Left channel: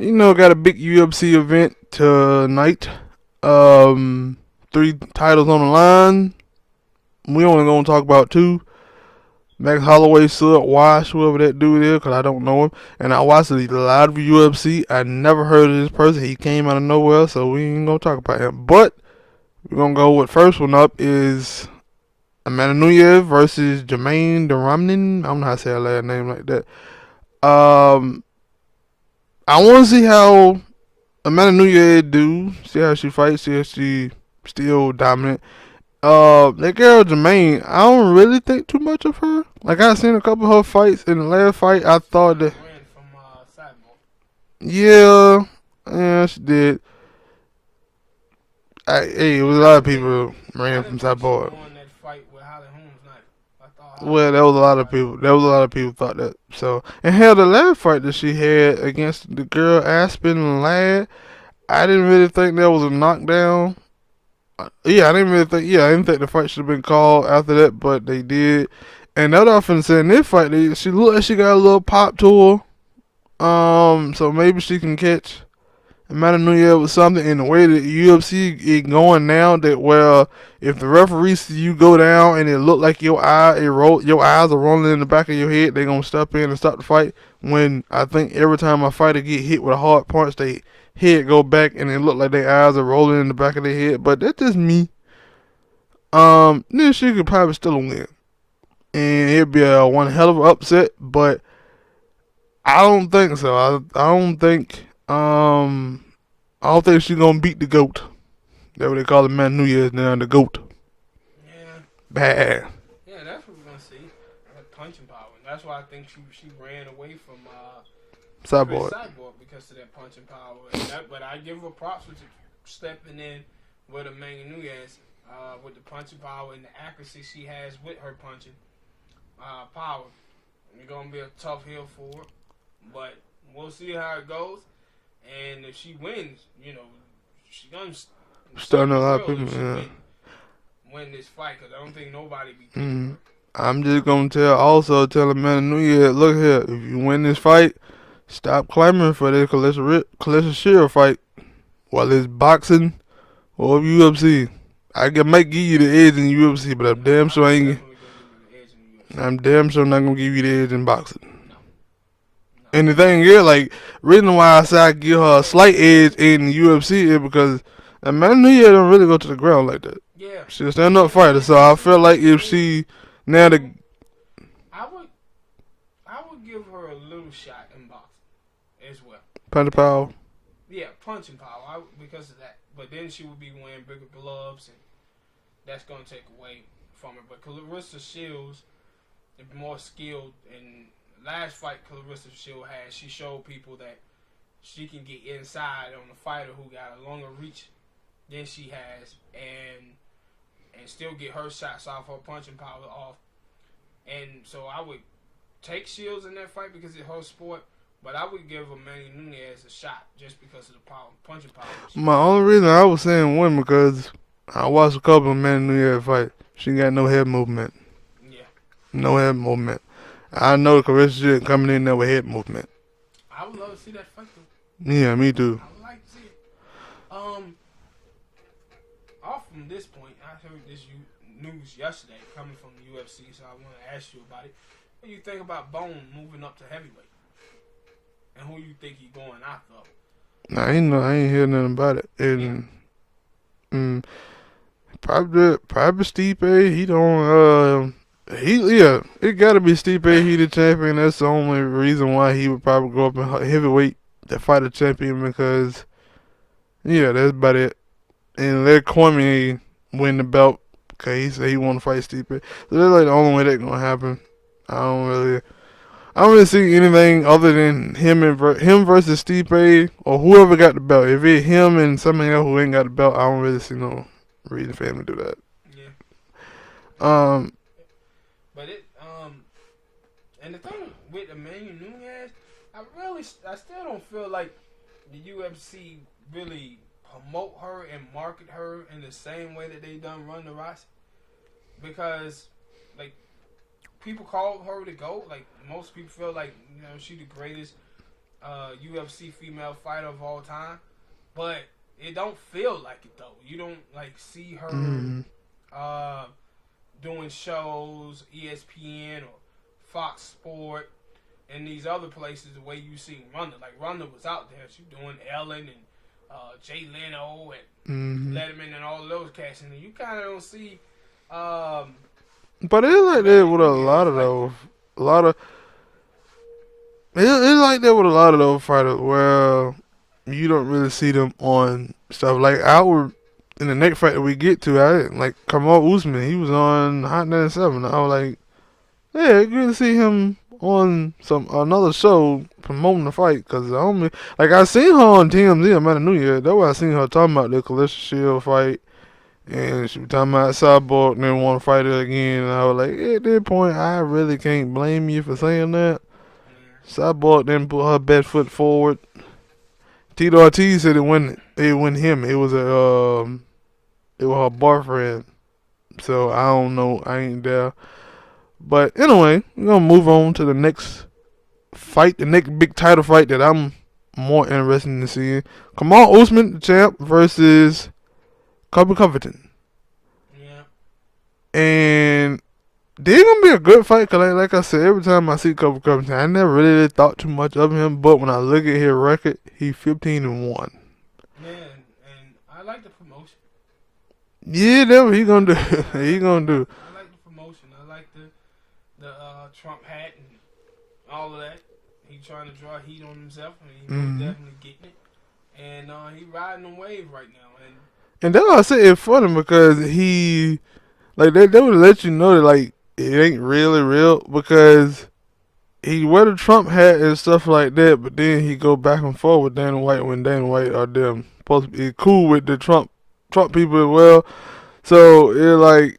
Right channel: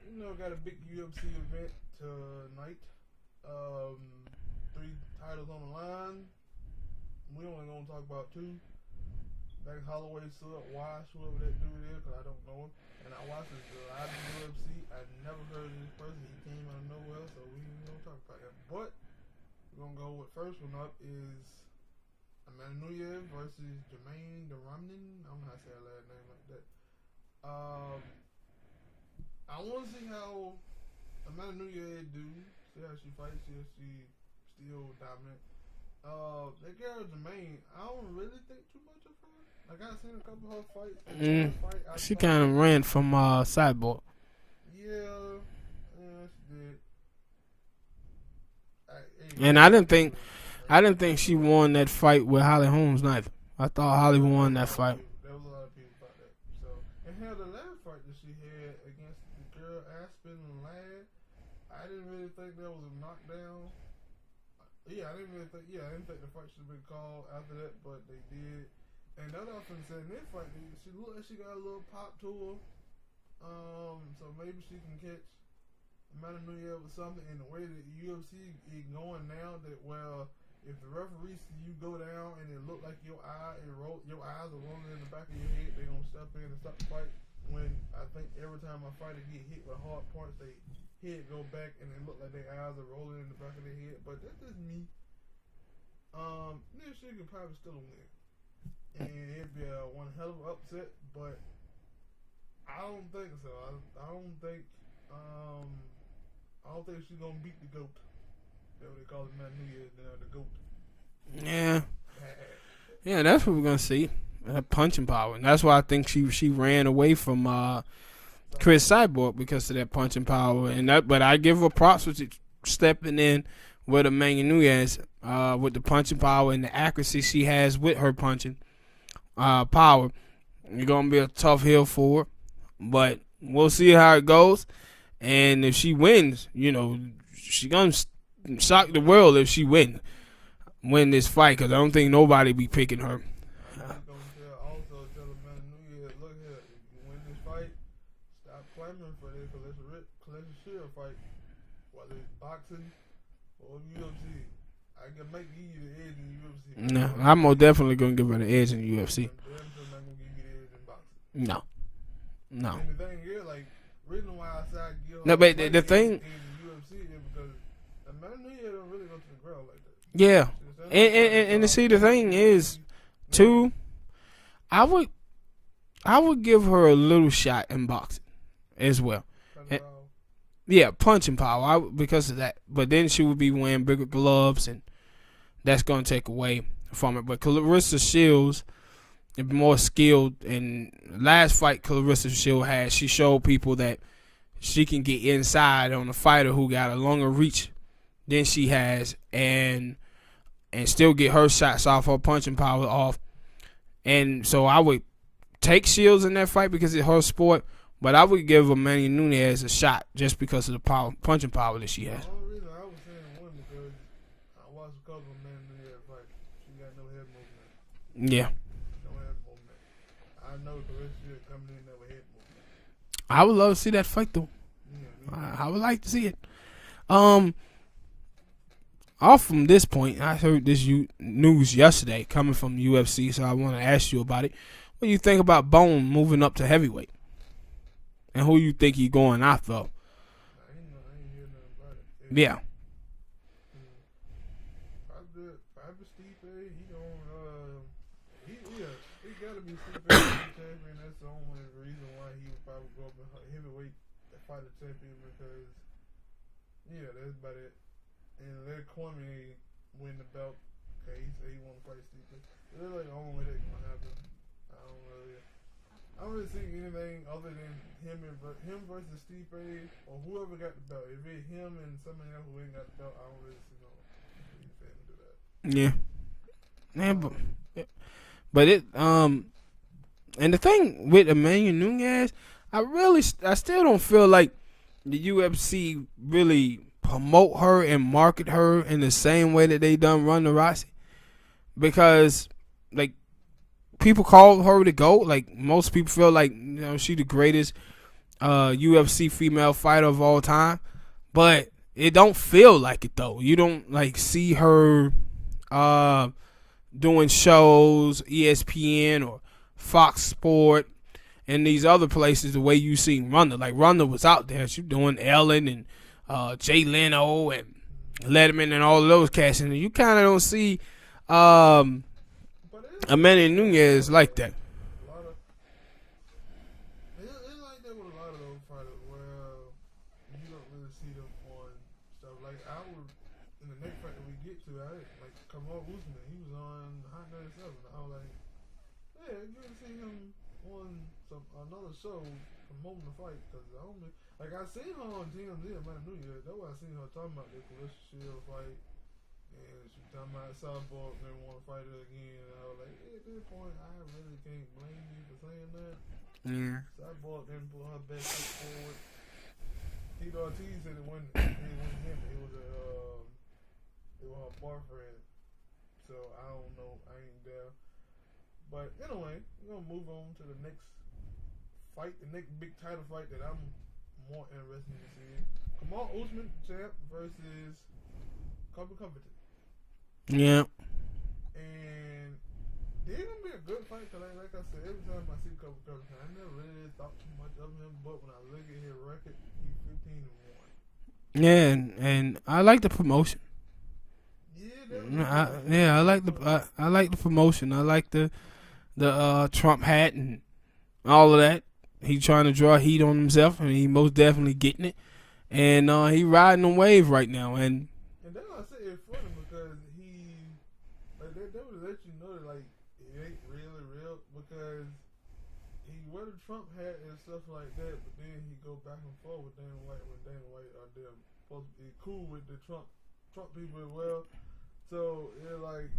got a big UFC event tonight. Um, 3 titles on the line. We only gonna talk about two. Max Holloway, Sud Wash, whoever that dude is, because I don't know him. And I watched a lot of UFC. I never heard of this person. He came out of nowhere, so we ain't gonna talk about him. But we're gonna go with first one up is Amanda Nunes versus Jermaine Duramnin. I don't know how to say her last name like that. Um, I want to see how Amanda Nunes do. See how she fights. See if she still dominant. That girl Jermaine, I don't really think too much of her. Like I seen a couple of her fights. In the last fight, I She thought kind that of ran from Cyborg. yeah, she did. It was And a lot of people I ran from didn't think she Cyborg. won that fight with Holly Holmes neither. I thought Holly Well, there was won a that lot of fight. people. There was a lot of people thought that. So, and hell, the last fight that she had against the girl Aspen Ladd, I didn't really think that was a knockdown. Yeah, I didn't really think. Yeah, I didn't think the fight should have been called after that, but they did. And that often said in this fight, she looked like she got a little pop to her. So maybe she can catch Amanda Nunes with something. In the way that UFC is going now, that if the referee see you go down and it look like your eyes are rolling in the back of your head, they gonna step in and stop the fight. When I think every time a fighter get hit with a hard punch, they head go back and it look like their eyes are rolling in the back of their head. But that's just me. Then she could probably still win, and it'd be a one hell of an upset. But I don't think so. I don't think she's gonna beat the goat. That's what they call the man Nunez now, the goat. Yeah. Bad. Yeah, that's what we're gonna see. Punching power, and that's why I think she ran away from Chris Cyborg because of that punching power. But I give her props for stepping in with Amanda Nunes with the punching power and the accuracy she has with her punching power. It's gonna be a tough hill for her, but we'll see how it goes. And if she wins, she gonna shock the world if she win this fight, because I don't think nobody be picking her. I'm just gonna tell Amanda Nunes, look here, if you win this fight, stop clamoring for this Clarissa Shield fight, whether it's boxing or UFC. Might give you the edge in UFC, but I'm definitely gonna give her the edge in UFC. I'm damn sure not gonna give you the edge in boxing. No. And the thing is, like, reason why I say I give her a slight edge in UFC is because Amanda Nunes don't really go to the ground like that. Yeah, she's a stand-up fighter, so I feel like if she I would give her a little shot in boxing as well. Punching power. Yeah, punching power because of that. But then she would be wearing bigger gloves, and that's going to take away from it. But Clarissa Shields is more skilled. And last fight Clarissa Shields had, she showed people that she can get inside on a fighter who got a longer reach than she has, and still get her shots off, her punching power off. And so I would take Shields in that fight because it's her sport, but I would give Amanda Nunes a shot just because of the punching power that she has. Only reason I was saying win because I watched a couple of Amanda Nunes fight. She got no head movement. Yeah. No head movement. I know Clarissa shit coming in there with head movement. I would love to see that fight though. Yeah, me too. I would like to see it. Off from this point, I heard this news yesterday coming from the UFC, so I want to ask you about it. What do you think about Bone moving up to heavyweight? And who you think he going after? I ain't hear nothing about it. Yeah. Probably Stipe. He don't. It gotta be Stipe. He the champion. That's the only reason why he would probably go up in heavyweight to fight a champion because, that's about it. And let Cormier win the belt because he said he want to fight Stipe. So that's like the only way that's gonna happen. I don't really see anything other than him versus Stipe or whoever got the belt. If it's him and somebody else who ain't got the belt, I don't really see no reason for him to do that. Yeah. But and the thing with Amanda Nunes, I still don't feel like the UFC really promote her and market her in the same way that they done Ronda Rousey, because like people call her the GOAT. Like most people feel like she the greatest UFC female fighter of all time, but it don't feel like it though. You don't like see her doing shows, ESPN or Fox Sport and these other places the way you seen Ronda. Like Ronda was out there, she doing Ellen and Jay Leno and Letterman and all of those cats, and you kind of don't see. But it's like that with a lot of it's like that with a lot of those fighters where you don't really see them on stuff. Like in the next fight that we get to, like Kamaru Usman, he was on Hot 97. I was like, yeah, good to see him on another show promoting the fight, because I seen her on TMZ. I might have knew yet. That's why I seen her talking about the Calista Shield fight, and she was talking about Cyborg and then want to fight her again. And I was like, at that point, I really can't blame you for saying that. Yeah. Cyborg didn't put her best foot forward. Tito Ortiz said it wasn't him. It was her boyfriend. So I don't know. I ain't there. But anyway, we're gonna move on to the next fight, the next big title fight that I'm more interested in seeing. Kamaru Usman, the champ, versus Colby Covington. Yeah. And they're gonna be a good fight, cause like I said, every time I see Colby Covington, I never really thought too much of him. But when I look at his record, he's 15-1. Yeah, and I like the promotion. Yeah, that's what he gonna do. Yeah, I like the promotion. I like the Trump hat and all of that. He trying to draw heat on himself, and he most definitely getting it. And he riding the wave right now. And that's why I say it's funny, because he, like, they would let you know that, like, it ain't really real, because he wear the Trump hat and stuff like that, but then he go back and forth with Dana White when Dana White are them supposed to be cool with the Trump people as well. So it like,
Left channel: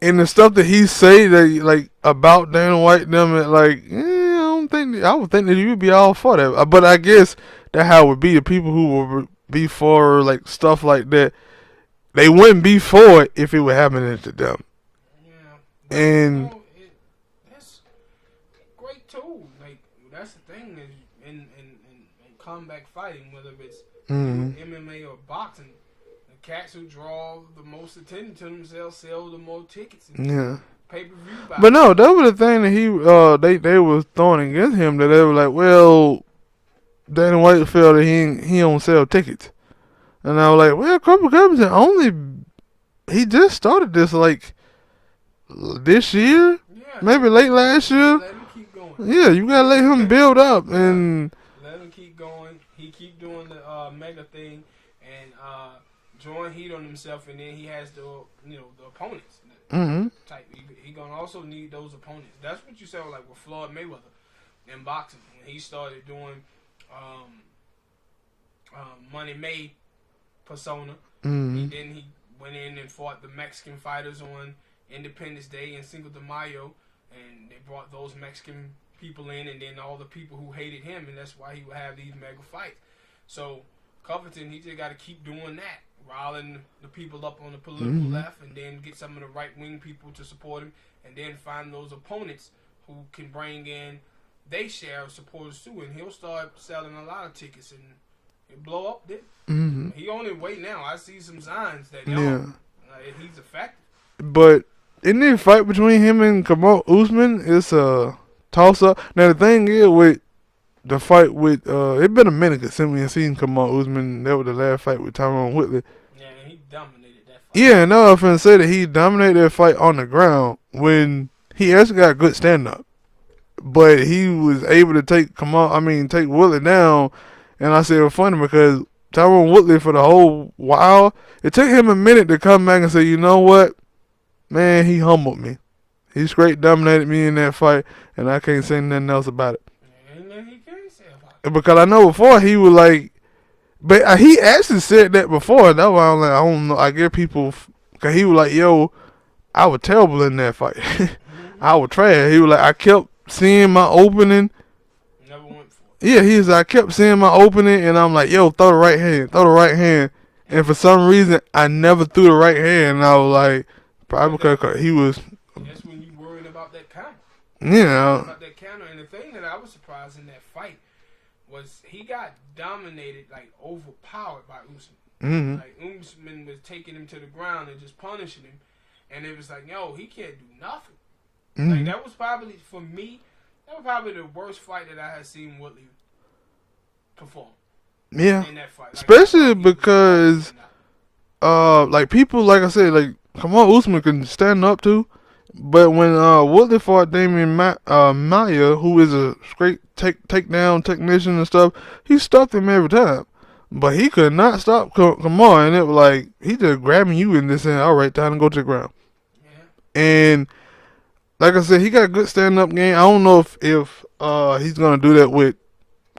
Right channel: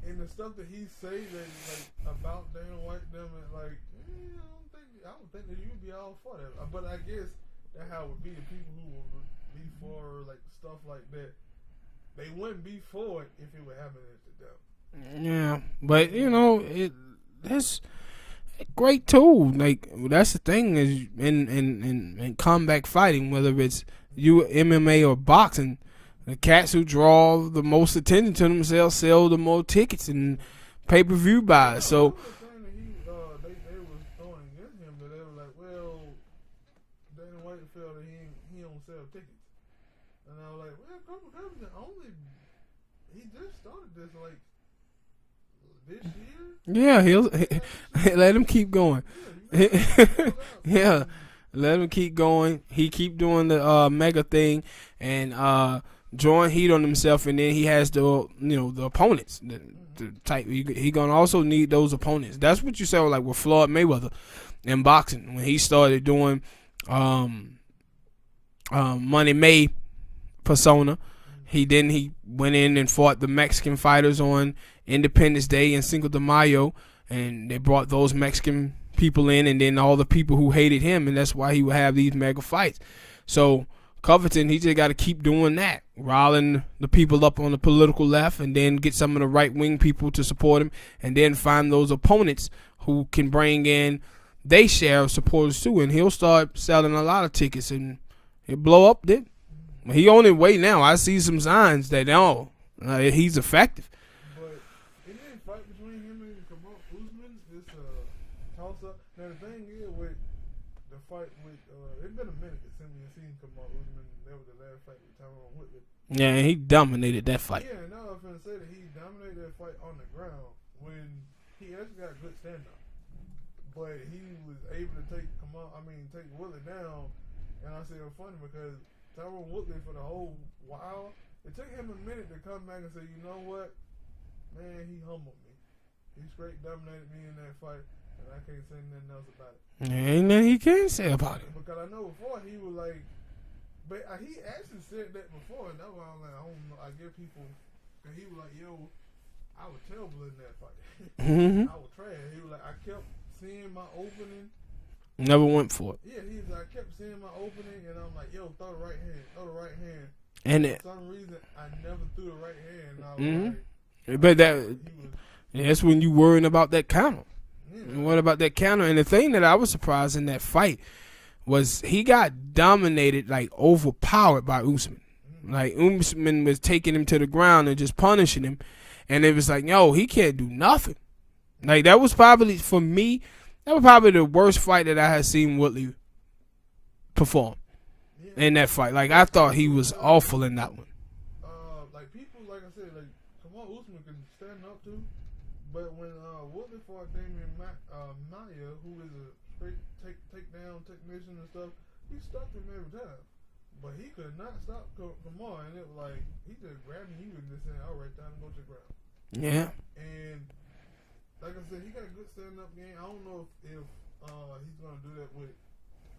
and the stuff that he say that like about Dana White them, like, I would think that you'd be all for that. But I guess that how it would be. The people who would be for like stuff like that, they wouldn't be for it if it were happening to them. Yeah, but that's a great tool. Like, that's the thing is in combat fighting, whether it's MMA or boxing. The cats who draw the most attention to themselves sell the more tickets and pay-per-view buys. But no, that was the thing that they was throwing against him, that they were like, well, Dana White felt that he don't sell tickets. And I was like, well, Colby Covington he just started this like this year? Yeah. Maybe late last year? Let him keep going. Yeah, you gotta let him build up. Yeah. And let him keep going. He keep doing the mega thing and drawing heat on himself, and then he has the opponents. The type he gonna also need those opponents. That's what you said like with Floyd Mayweather in boxing when he started doing Money May persona. He went in and fought the Mexican fighters on Independence Day and Cinco de Mayo, and they brought those Mexican people in, and then all the people who hated him, and that's why he would have these mega fights. So Covington, he just got to keep doing that, riling the people up on the political left, and then get some of the right-wing people to support him, and then find those opponents who can bring in their share of supporters too, and he'll start selling a lot of tickets, and he'll blow up there. He on his way now. I see some signs that he's effective. But in the fight between him and Kamaru Usman, it's a toss-up. Now, the thing is with the fight with it been a minute since we ain't seen Kamaru Usman. That was the last fight with Tyron Woodley. Yeah, and he dominated that fight. Yeah, and I was finna say that he dominated that fight on the ground when he actually got good stand-up. But he was able to take Woodley down. And I said it was funny because Tyron Woodley, for the whole while, it took him a minute to come back and say, you know what, man, he humbled me. He straight dominated me in that fight, and I can't say nothing else about it. Ain't nothing he can say about it. Because I know before he was like, but he actually said that before. That's why I'm like, I don't know. I get people, because he was like, yo, I was terrible in that fight. I was trash. He was like, I kept seeing my opening. Never went for it. Yeah, he was like, I kept seeing my opening, and I'm like, yo, throw the right hand. And for some reason, I never threw the right hand, and I was like, he was. Yeah, that's when you worrying about that counter. Yeah. Worrying about that counter. And the thing that I was surprised in that fight was he got dominated, like overpowered by Usman. Mm-hmm. Like Usman was taking him to the ground and just punishing him, and it was like, yo, he can't do nothing. Mm-hmm. Like that was probably for me, that was probably the worst fight that I had seen Woodley perform. Yeah, in that fight, like especially I thought he was awful in that one. like people, like I said, like Kamaru Usman can stand up to, but when Woodley fought Damian Maya, who is a great takedown technician and stuff, he stuffed him every time. But he could not stop Kamaru, and it was like he just grabbing you in this and all right, time to go to the ground. Yeah, and like I said, he got a good stand up game. I don't know if he's gonna do that with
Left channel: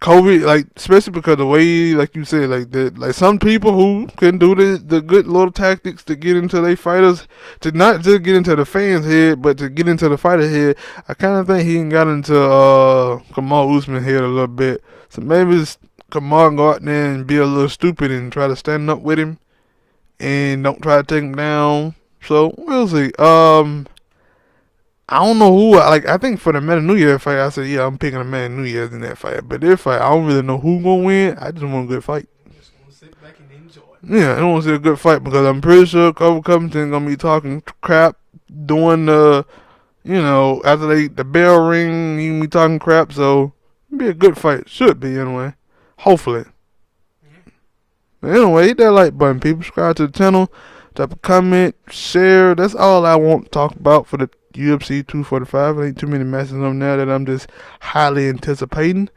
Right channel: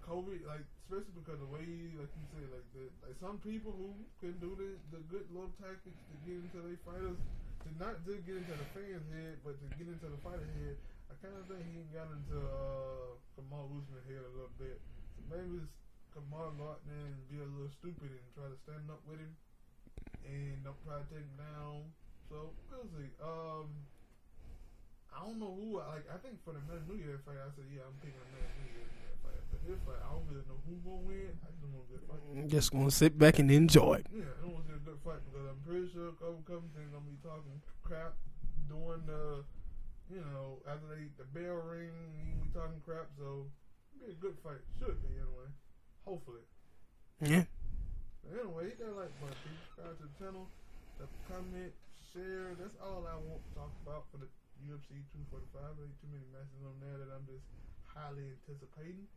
Colby, like especially because the way, like you said, like some people who can do the good little tactics to get into their fighters, to not just get into the fans' head, but to get into the fighter head. I kind of think he got into Kamaru Usman head a little bit. So maybe Kamaru go out there and be a little stupid and try to stand up with him, and don't try to take him down. So we'll see. I don't know who. Like I think for the Meta New Year fight, I said yeah, I'm picking the Meta New Year's in that fight. But this fight, I don't really know who gonna win. I just want a good fight. Just gonna sit back and enjoy. Yeah, I want to see a good fight because I'm pretty sure Colby Covington gonna be talking crap, doing after the bell ring, he gonna be talking crap. So it'll be a good fight. Should be anyway. Hopefully. Yeah. But anyway, hit that like button, people. Subscribe to the channel. Drop a comment, share. That's all I want to talk about for the UFC 245. There ain't too many matches on there that I'm just highly anticipating.